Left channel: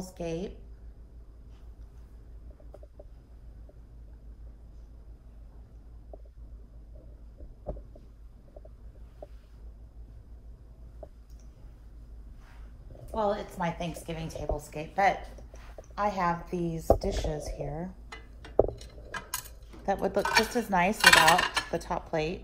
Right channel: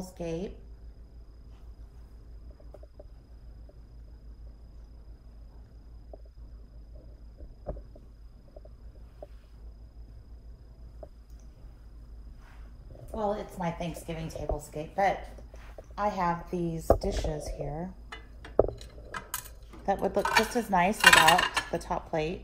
tablescape. Well, it's my Thanksgiving tablescape, but I have these dishes here that would look just as nice without the top plate.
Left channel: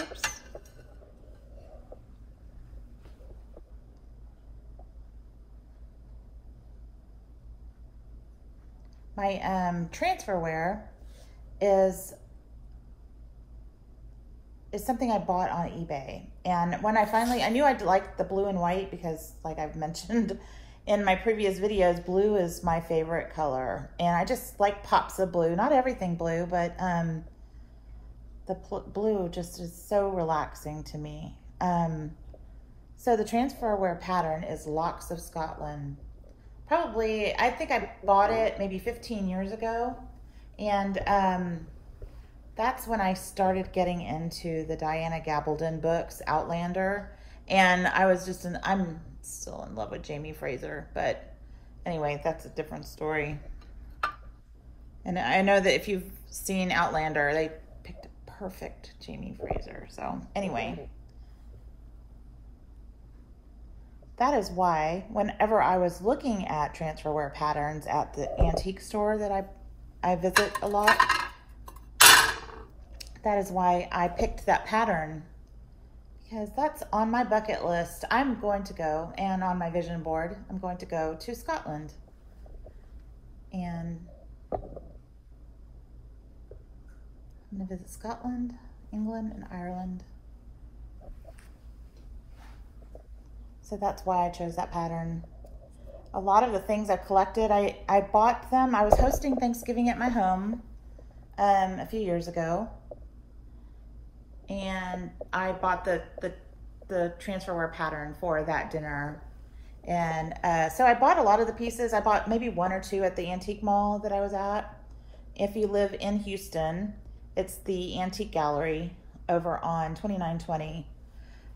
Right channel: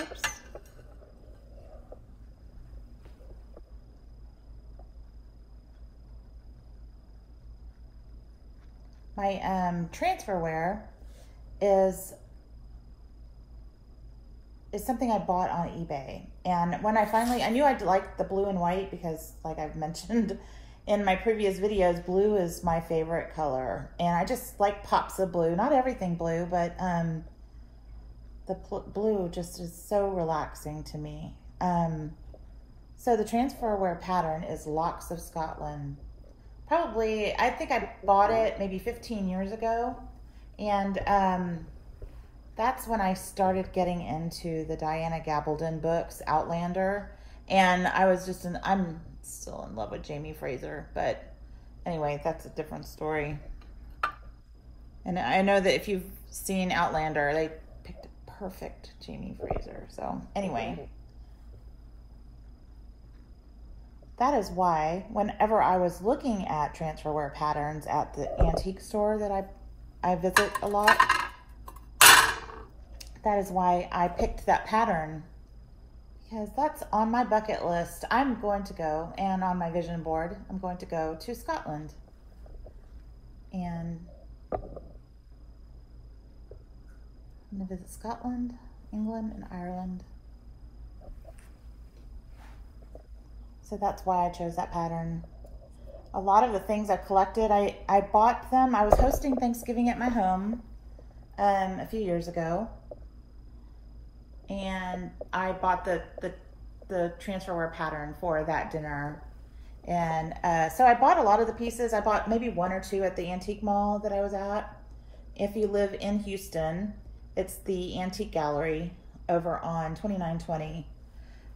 Oops. My transferware is something I bought on eBay. And when I knew I'd like the blue and white because, like I've mentioned in my previous videos, blue is my favorite color. And I just like pops of blue. Not everything blue, but the blue just is so relaxing to me. So the transferware pattern is Lochs of Scotland. Probably, I think I bought it maybe 15 years ago. And that's when I started getting into the Diana Gabaldon books, Outlander. And I'm still in love with Jamie Fraser, but anyway, that's a different story. And I know that if you've seen Outlander, they picked a perfect Jamie Fraser. So anyway, that is why whenever I was looking at transferware patterns at the antique store that I visit a lot, that is why I picked that pattern, because that's on my bucket list. I'm going to go, and on my vision board, I'm going to go to Scotland. And I'm going to visit Scotland, England, and Ireland. So that's why I chose that pattern. A lot of the things I collected, I bought them. I was hosting Thanksgiving at my home a few years ago. And I bought the transferware pattern for that dinner. And so I bought a lot of the pieces. I bought maybe one or two at the antique mall that I was at. If you live in Houston, it's the Antique Gallery over on 2920.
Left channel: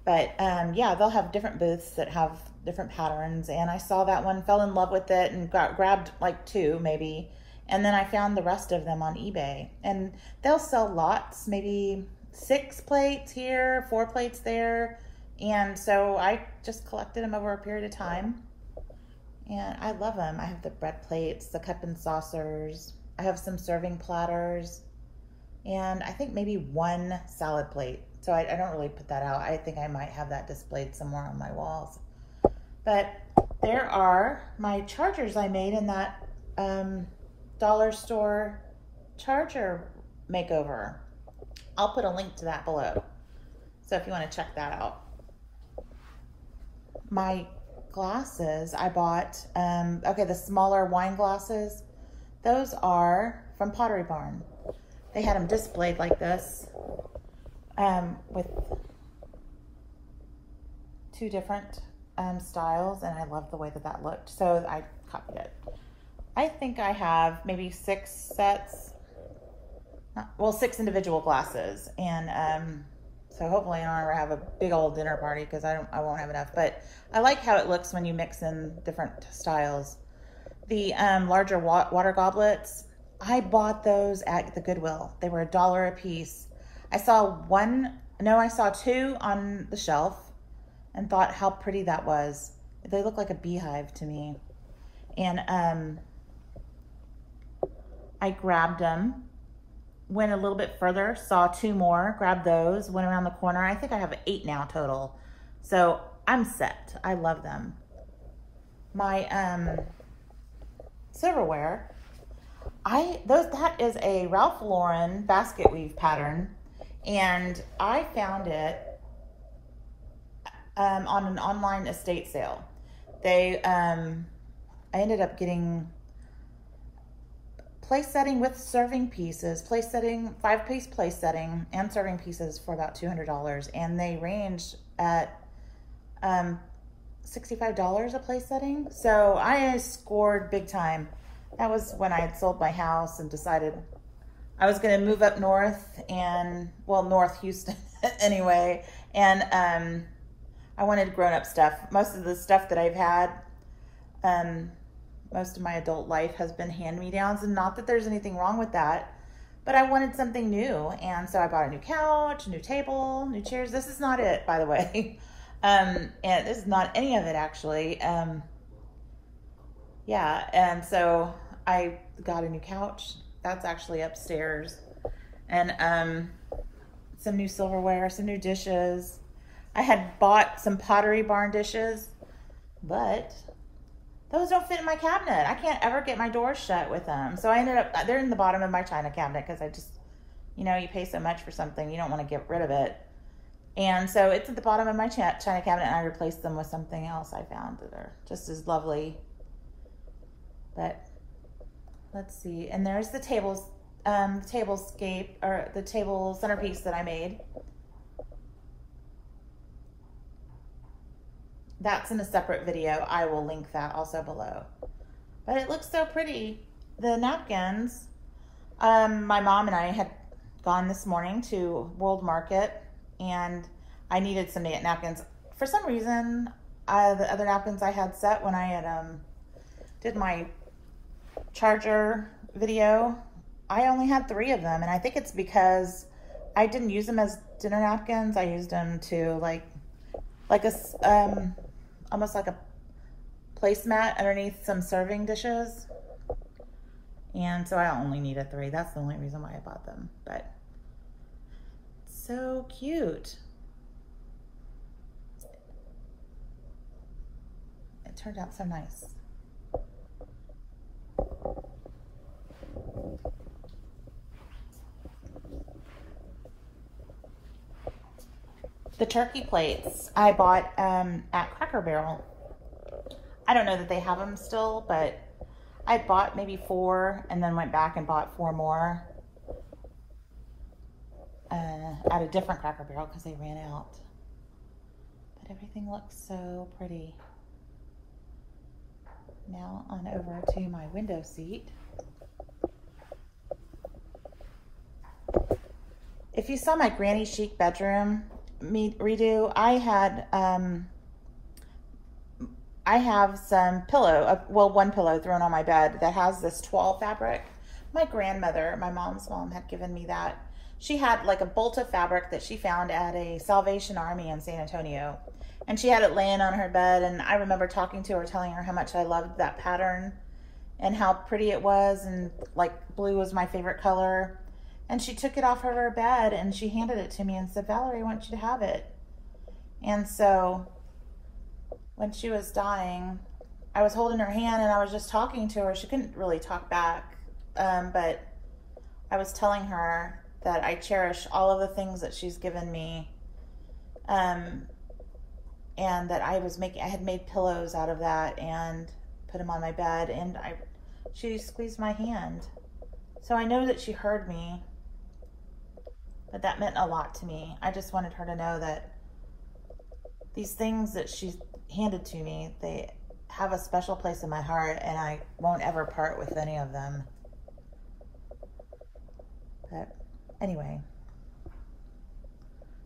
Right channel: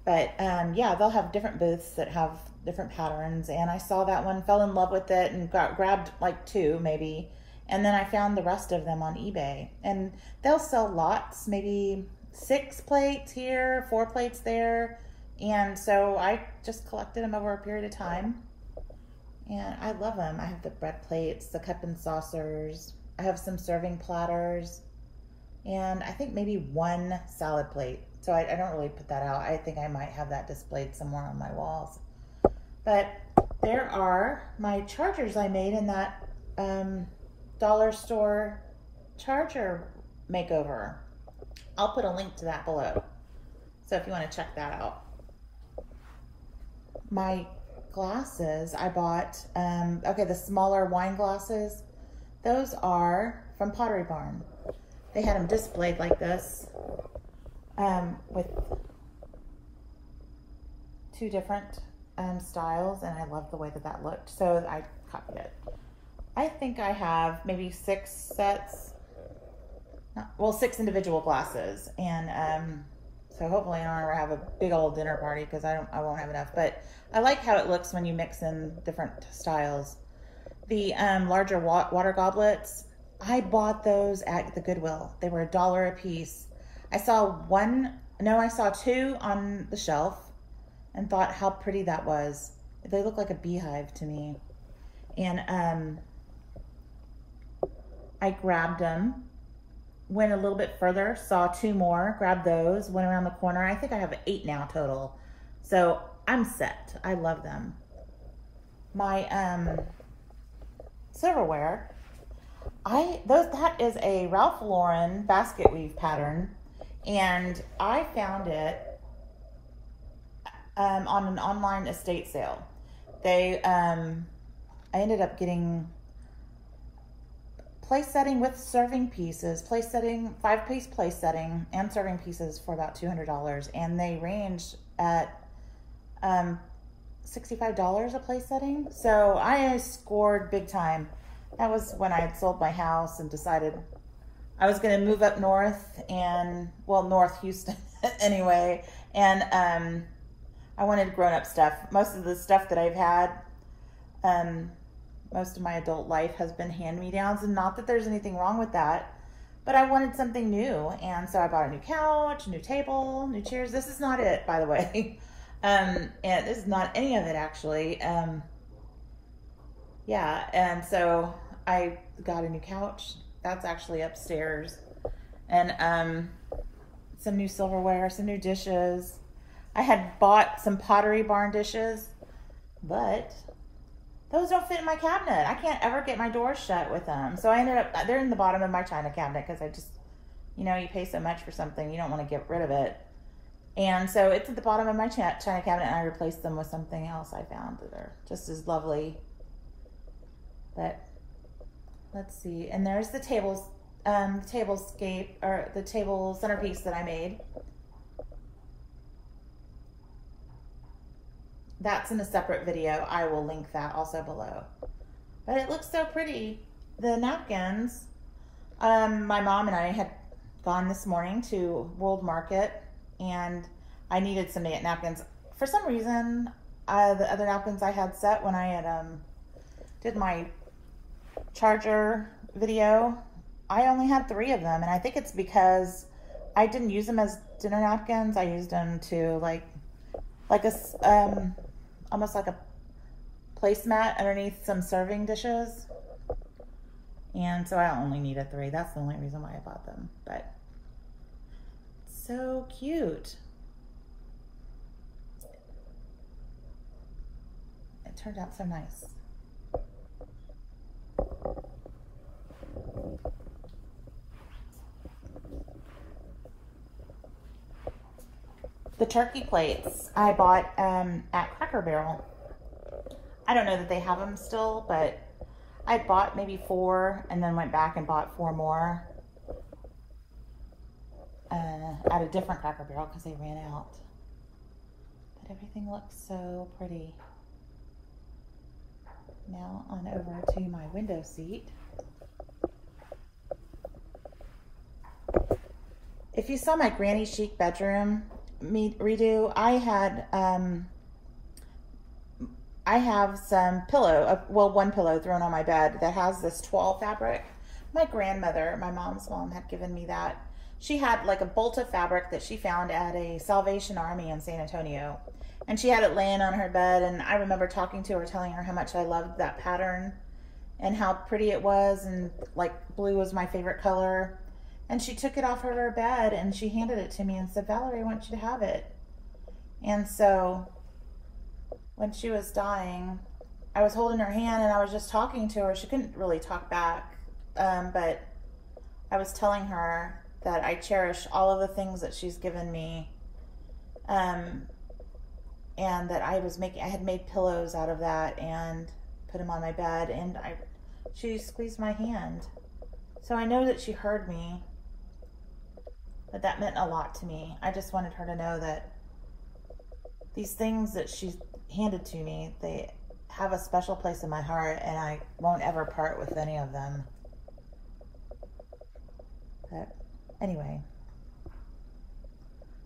But yeah, they'll have different booths that have different patterns. And I saw that one, fell in love with it, and grabbed like two maybe. And then I found the rest of them on eBay. And they'll sell lots, maybe 6 plates here, 4 plates there. And so I just collected them over a period of time. And I love them. I have the bread plates, the cup and saucers. I have some serving platters. And I think maybe 1 salad plate. So I don't really put that out. I think I might have that displayed somewhere on my walls. But there are my chargers I made in that dollar store charger makeover. I'll put a link to that below. So if you want to check that out. My glasses I bought, okay, the smaller wine glasses, those are from Pottery Barn. They had them displayed like this with 2 different styles, and I love the way that that looked. So I copied it. I think I have maybe 6 sets, well, 6 individual glasses, and so hopefully I don't ever have a big old dinner party because I won't have enough. But I like how it looks when you mix in different styles. The larger water goblets, I bought those at the Goodwill. They were $1 a piece. I saw I saw 2 on the shelf and thought how pretty that was. They look like a beehive to me. And I grabbed them, went a little bit further, saw 2 more, grabbed those, went around the corner. I think I have 8 now total. So I'm set. I love them. My silverware, that is a Ralph Lauren basket weave pattern, and I found it on an online estate sale. I ended up getting place setting with serving pieces, 5-piece place setting and serving pieces for about $200, and they range at $65 a place setting. So I scored big time. That was when I had sold my house and decided I was going to move up north, and well, North Houston anyway, and I wanted grown-up stuff. Most of the stuff that I've had Most of my adult life has been hand-me-downs, and not that there's anything wrong with that, but I wanted something new. And so I bought a new couch, a new table, new chairs. This is not it, by the way. And this is not any of it, actually. Yeah, and so I got a new couch. That's actually upstairs. And some new silverware, some new dishes. I had bought some Pottery Barn dishes, but those don't fit in my cabinet. I can't ever get my doors shut with them. So I ended up, they're in the bottom of my china cabinet because I just, you know, you pay so much for something, you don't want to get rid of it. And so it's at the bottom of my china cabinet, and I replaced them with something else I found that are just as lovely. But let's see. And there's the tablescape, or the table centerpiece that I made. That's in a separate video. I will link that also below. But it looks so pretty. The napkins, my mom and I had gone this morning to World Market, and I needed some napkins. For some reason, the other napkins I had set when I had did my charger video, I only had 3 of them, and I think it's because I didn't use them as dinner napkins. I used them to like this, almost like a placemat underneath some serving dishes. And so I only needed 3. That's the only reason why I bought them. But so cute. It turned out so nice. The turkey plates I bought at Cracker Barrel. I don't know that they have them still, but I bought maybe 4 and then went back and bought 4 more at a different Cracker Barrel because they ran out. But everything looks so pretty. Now on over to my window seat. If you saw my Granny Chic bedroom redo, I have some pillow, well, one pillow thrown on my bed that has this toile fabric. My grandmother, my mom's mom, had given me that. She had like a bolt of fabric that she found at a Salvation Army in San Antonio, and she had it laying on her bed, and I remember talking to her, telling her how much I loved that pattern and how pretty it was, and like blue was my favorite color. And she took it off her bed and she handed it to me and said, "Valerie, I want you to have it." And so when she was dying, I was holding her hand and I was just talking to her. She couldn't really talk back, but I was telling her that I cherish all of the things that she's given me, and that I had made pillows out of that and put them on my bed, and she squeezed my hand. So I know that she heard me, but that meant a lot to me. I just wanted her to know that these things that she's handed to me, they have a special place in my heart, and I won't ever part with any of them. But anyway,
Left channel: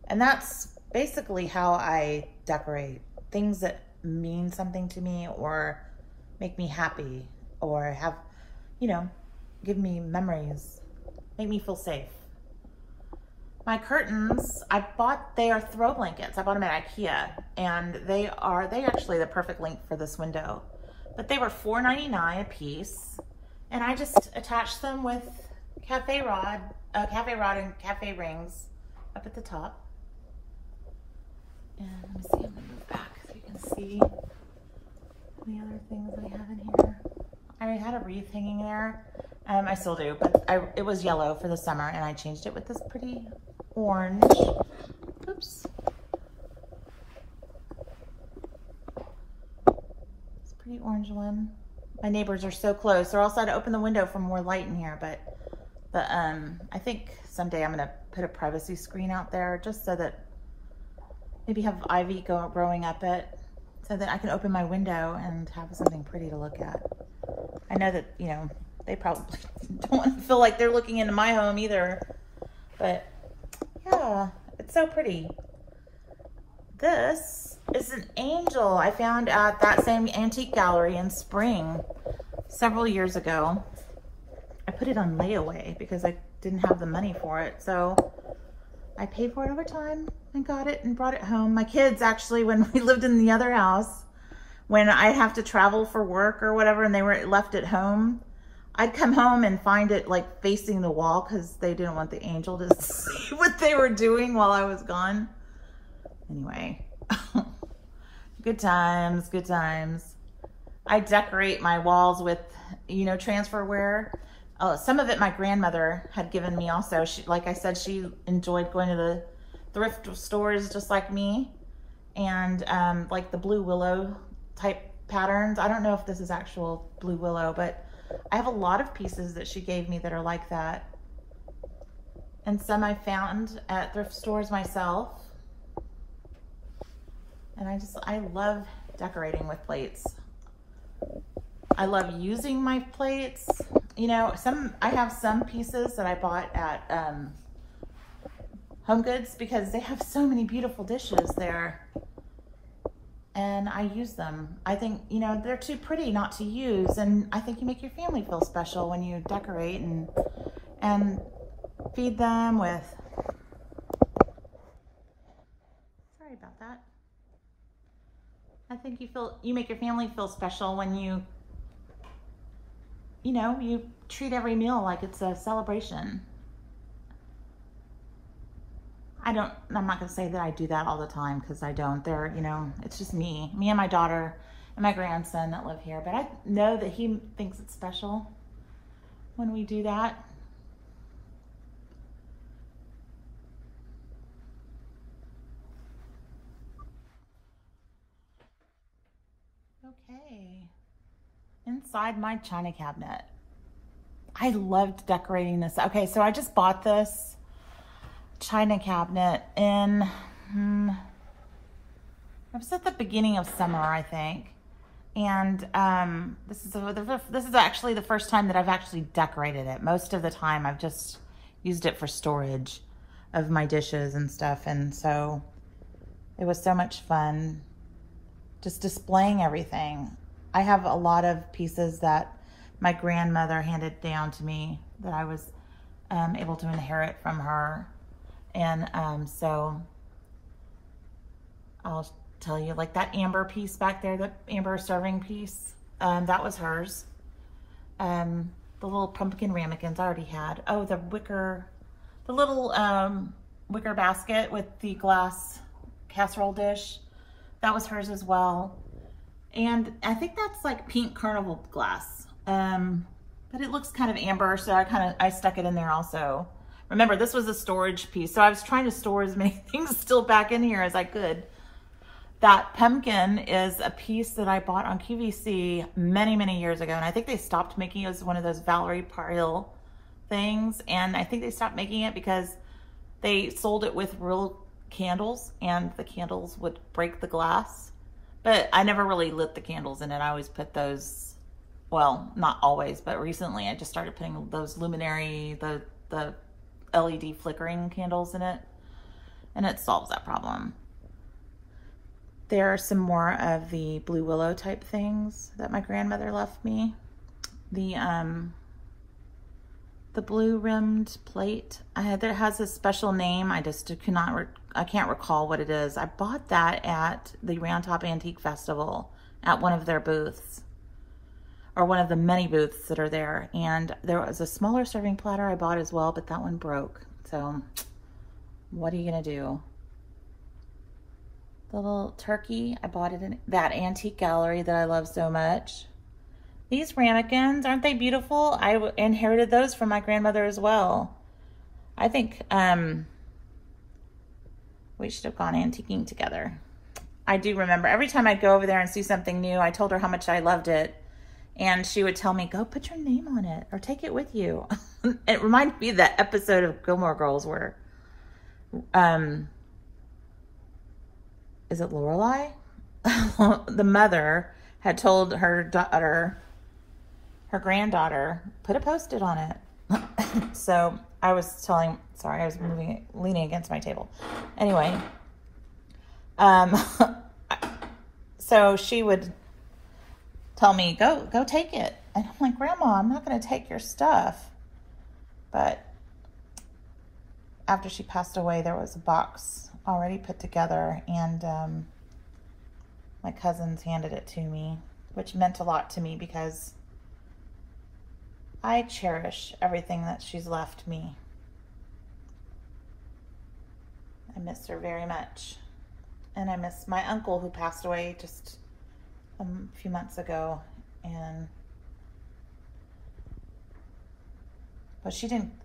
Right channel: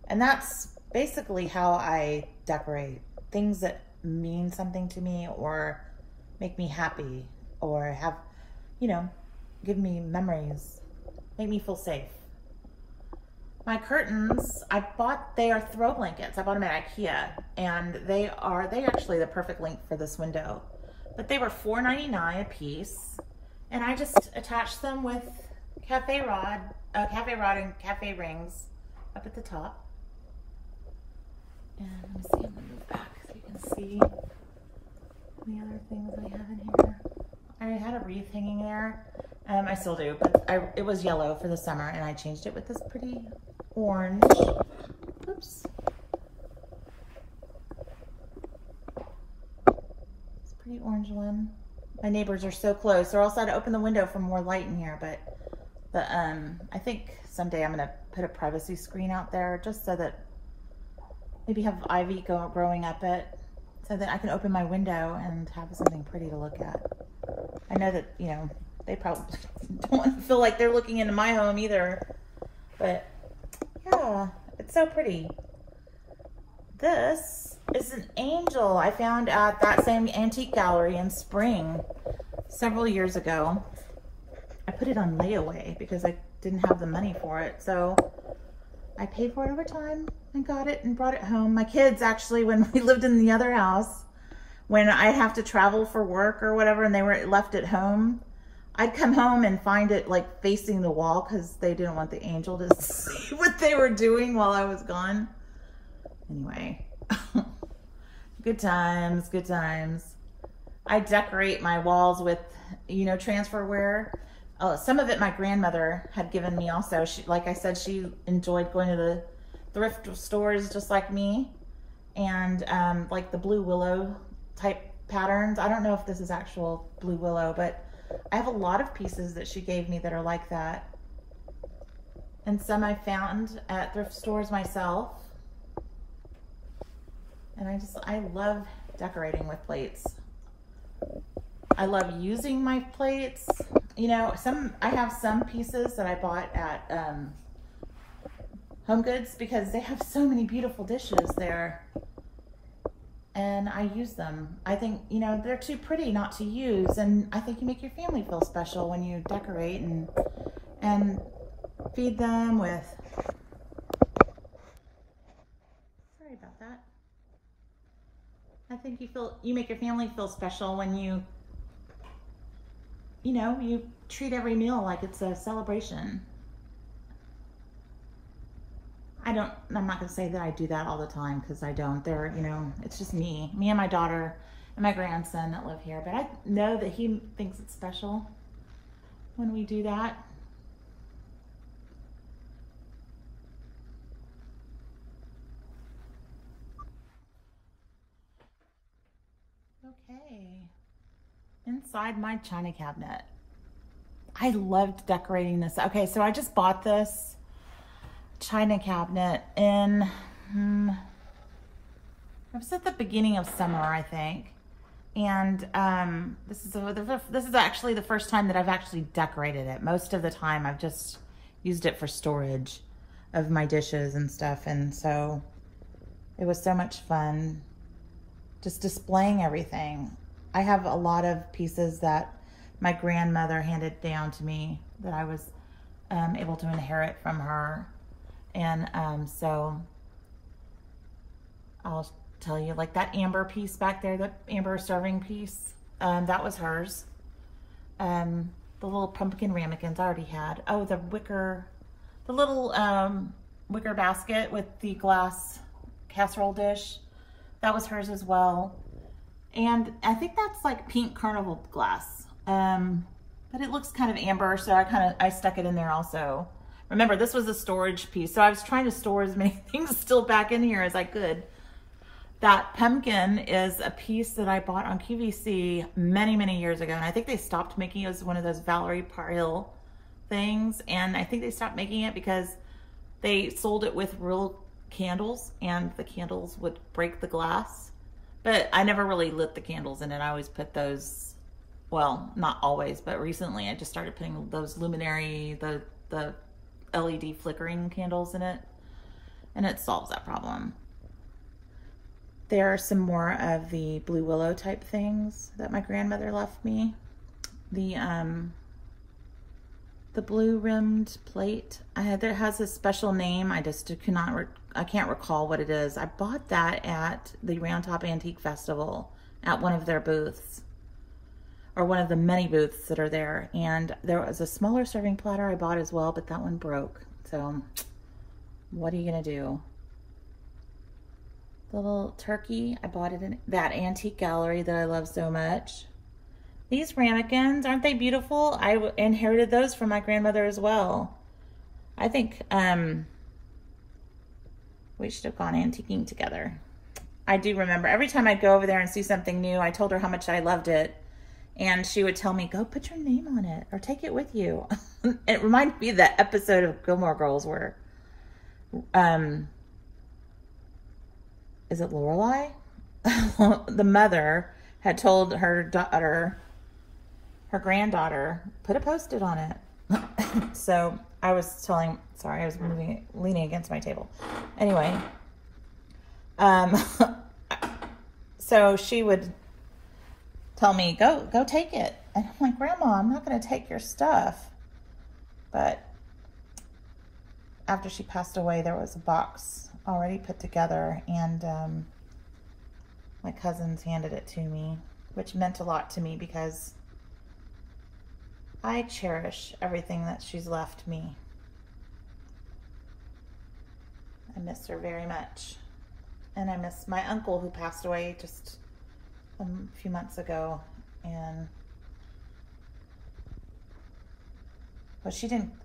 and that's basically how I decorate. Things that mean something to me or make me happy or have, you know, give me memories, make me feel safe. My curtains, they are throw blankets. I bought them at IKEA, and they actually the perfect length for this window. But they were $4.99 a piece, and I just attached them with cafe rod and cafe rings up at the top. And let me see, I'm gonna move back so you can see the other things I have in here. I had a wreath hanging there. I still do, but it was yellow for the summer, and I changed it with this pretty orange. Oops. This pretty orange one. My neighbors are so close, or else I'd open the window for more light in here, but I think someday I'm gonna put a privacy screen out there just so that maybe have ivy growing up it, so that I can open my window and have something pretty to look at. I know that, you know, they probably don't want to feel like they're looking into my home either, but yeah, it's so pretty. This is an angel I found at that same antique gallery in Spring several years ago. I put it on layaway because I didn't have the money for it. So I paid for it over time and got it and brought it home. My kids actually, when we lived in the other house, when I'd have to travel for work or whatever and they were left at home, I'd come home and find it like facing the wall because they didn't want the angel to see what they were doing while I was gone. Anyway, good times, good times. I decorate my walls with, you know, transferware. Some of it my grandmother had given me also. She, like I said, she enjoyed going to the thrift stores just like me. And like the blue willow type patterns. I don't know if this is actual blue willow, but I have a lot of pieces that she gave me that are like that. And some I found at thrift stores myself. And I love decorating with plates. I love using my plates. You know, I have some pieces that I bought at Home Goods because they have so many beautiful dishes there. And I use them. I think, you know, they're too pretty not to use. And I think you make your family feel special when you decorate and feed them with, sorry about that. I think you make your family feel special when you know, you treat every meal like it's a celebration. I'm not gonna say that I do that all the time because I don't. You know, it's just me and my daughter and my grandson that live here. But I know that he thinks it's special when we do that. Okay, inside my china cabinet. I loved decorating this. Okay, so I just bought this china cabinet in, it was at the beginning of summer, I think. And this is actually the first time that I've actually decorated it. Most of the time I've just used it for storage of my dishes and stuff. And so it was so much fun just displaying everything. I have a lot of pieces that my grandmother handed down to me that I was able to inherit from her. And so I'll tell you, like that amber piece back there, the amber serving piece, that was hers. The little pumpkin ramekins I already had. Oh, the little wicker basket with the glass casserole dish, that was hers as well. And I think that's like pink carnival glass, but it looks kind of amber, so I stuck it in there also. Remember, this was a storage piece, so I was trying to store as many things still back in here as I could. That pumpkin is a piece that I bought on QVC many, many years ago, and I think they stopped making it as one of those Valerie pile things, and I think they stopped making it because they sold it with real candles, and the candles would break the glass. But I never really lit the candles in it. I always put those, well, not always, but recently I just started putting those luminary, the LED flickering candles in it, and it solves that problem. There are some more of the blue willow type things that my grandmother left me. The blue rimmed plate, that has a special name. I just I can't recall what it is. I bought that at the Round Top Antique Festival at one of their booths, or one of the many booths that are there. And there was a smaller serving platter I bought as well, but that one broke. So what are you gonna do? The little turkey, I bought it in that antique gallery that I love so much. These ramekins, aren't they beautiful? I inherited those from my grandmother as well. I think we should have gone antiquing together. I do remember every time I'd go over there and see something new, I told her how much I loved it. And she would tell me, go put your name on it or take it with you. And it reminded me of that episode of Gilmore Girls where, is it Lorelai? The mother had told her daughter, her granddaughter, put a Post-it on it. So I was sorry, I was leaning against my table. Anyway, So she would tell me, go take it. And I'm like, Grandma, I'm not going to take your stuff. But after she passed away, there was a box already put together, and my cousins handed it to me, which meant a lot to me because I cherish everything that she's left me. I miss her very much. And I miss my uncle who passed away just a few months ago. But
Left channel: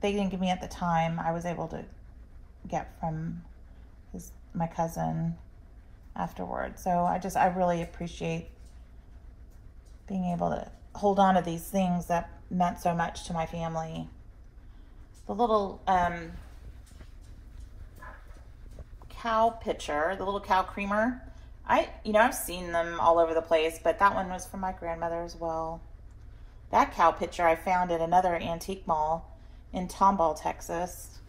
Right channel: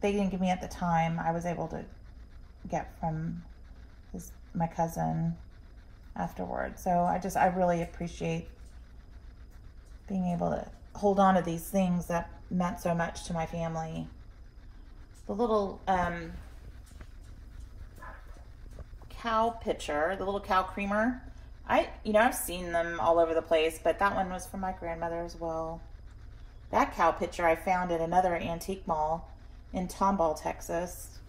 they didn't give me at the time. I was able to get from my cousin afterwards. So I really appreciate being able to hold on to these things that meant so much to my family. The little cow pitcher, the little cow creamer. I've seen them all over the place, but that one was from my grandmother as well. That cow pitcher I found at another antique mall in Tomball, Texas.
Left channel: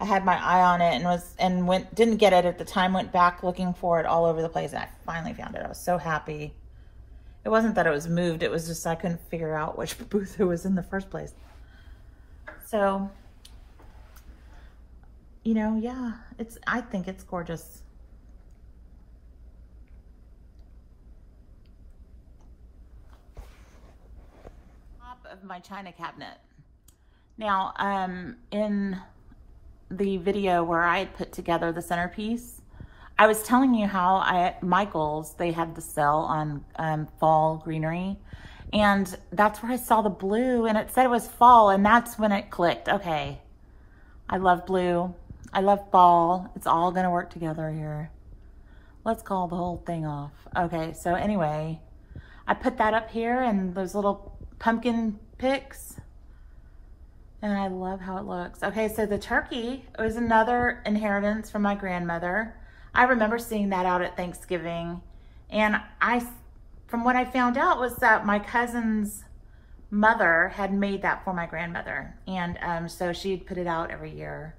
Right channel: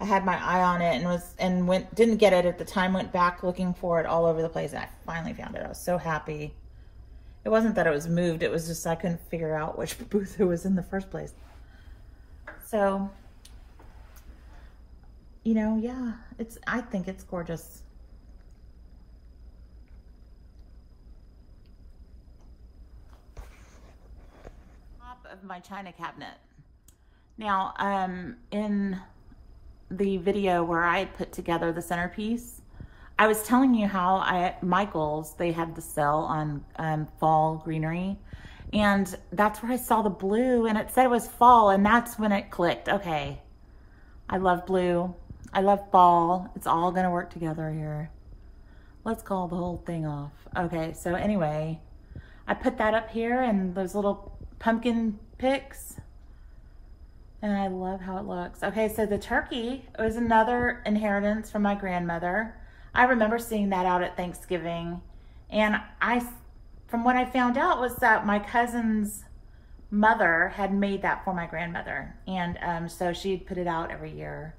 I had my eye on it and didn't get it at the time, went back looking for it all over the place, and I finally found it. I was so happy. It wasn't that it was moved, it was just I couldn't figure out which booth it was in the first place. So, yeah, I think it's gorgeous. Top of my china cabinet. Now, in the video where I had put together the centerpiece, I was telling you how at Michael's, they had the sale on fall greenery, and that's where I saw the blue, and it said it was fall, and that's when it clicked. Okay, I love blue. I love fall. It's all gonna work together here. Let's call the whole thing off. Okay, so anyway, I put that up here and those little pumpkin picks, and I love how it looks. Okay, so the turkey was another inheritance from my grandmother. I remember seeing that out at Thanksgiving, and from what I found out was that my cousin's mother had made that for my grandmother, and so she'd put it out every year.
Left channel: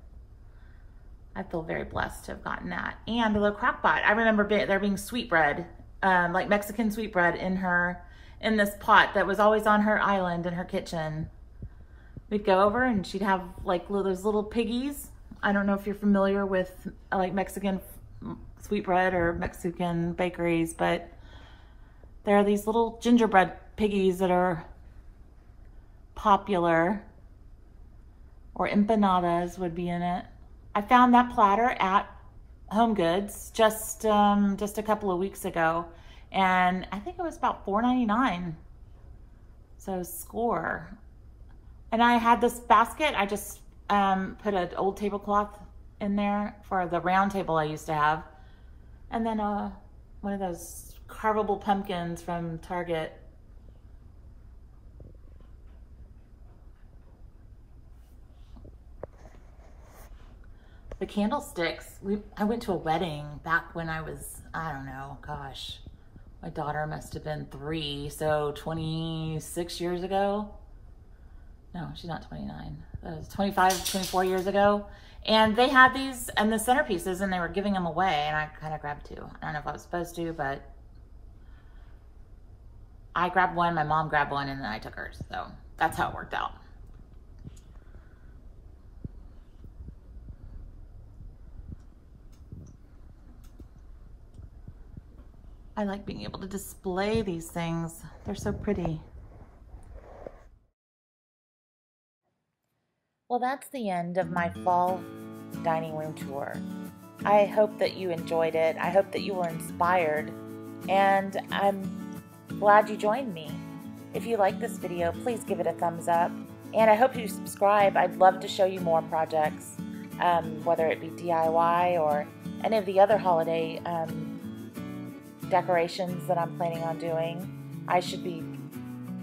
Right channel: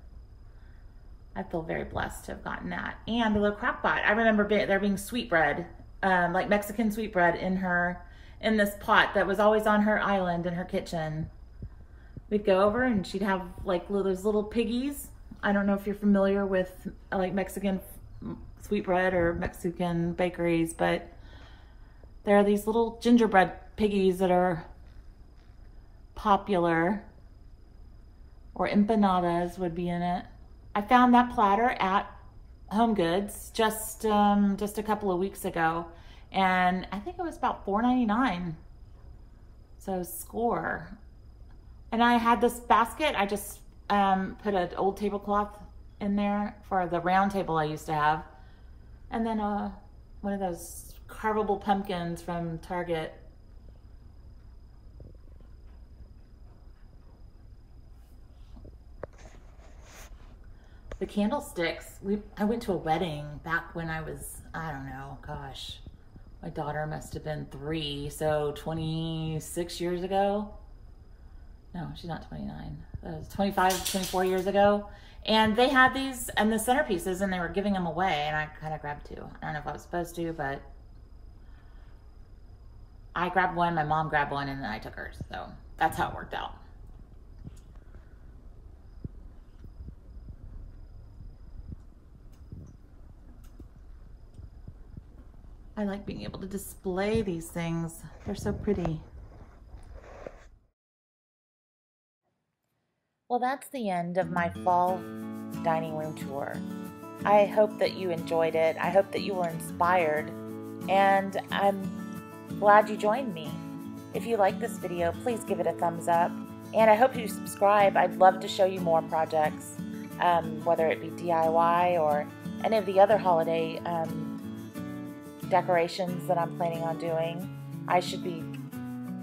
I feel very blessed to have gotten that. And a little crock pot. I remember there being sweetbread, like Mexican sweetbread in this pot that was always on her island in her kitchen. We'd go over and she'd have like those little piggies. I don't know if you're familiar with like Mexican sweetbread or Mexican bakeries, but there are these little gingerbread piggies that are popular, or empanadas would be in it. I found that platter at Home Goods just a couple of weeks ago, and I think it was about $4.99. So score. And I had this basket. I just put an old tablecloth in there for the round table I used to have, and then one of those carvable pumpkins from Target. The candlesticks, I went to a wedding back when I was, I don't know, gosh, my daughter must have been 3, so 26 years ago. No, she's not 29. 25, 24 years ago. And they had these and the centerpieces, and they were giving them away, and I kind of grabbed 2. I don't know if I was supposed to, but I grabbed one, my mom grabbed one, and then I took hers. So that's how it worked out. I like being able to display these things. They're so pretty. Well, that's the end of my fall dining room tour. I hope that you enjoyed it. I hope that you were inspired, and I'm glad you joined me. If you like this video, please give it a thumbs up, and I hope you subscribe. I'd love to show you more projects, whether it be DIY or any of the other holiday decorations that I'm planning on doing. I should be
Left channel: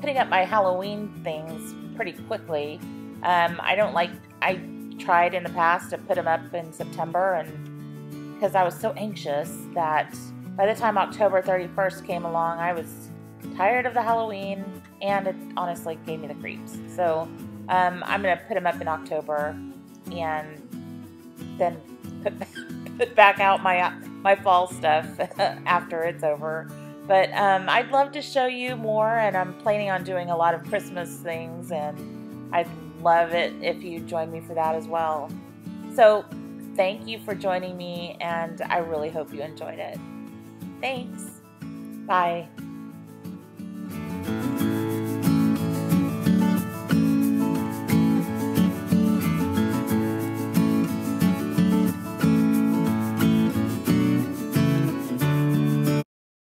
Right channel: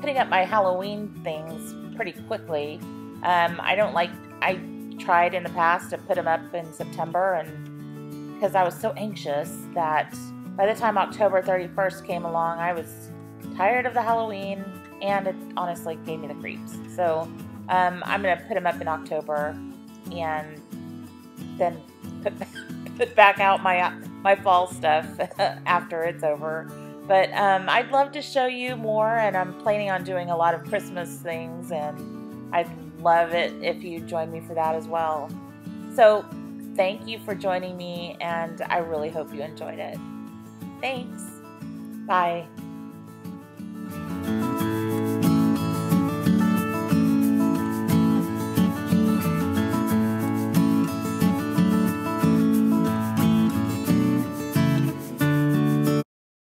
putting up my Halloween things pretty quickly. I tried in the past to put them up in September, and because I was so anxious that by the time October 31st came along, I was tired of the Halloween, and it honestly gave me the creeps. So I'm going to put them up in October, and then put back out my fall stuff after it's over. But I'd love to show you more, and I'm planning on doing a lot of Christmas things, and I'd love it if you join me for that as well. So thank you for joining me, and I really hope you enjoyed it. Thanks. Bye.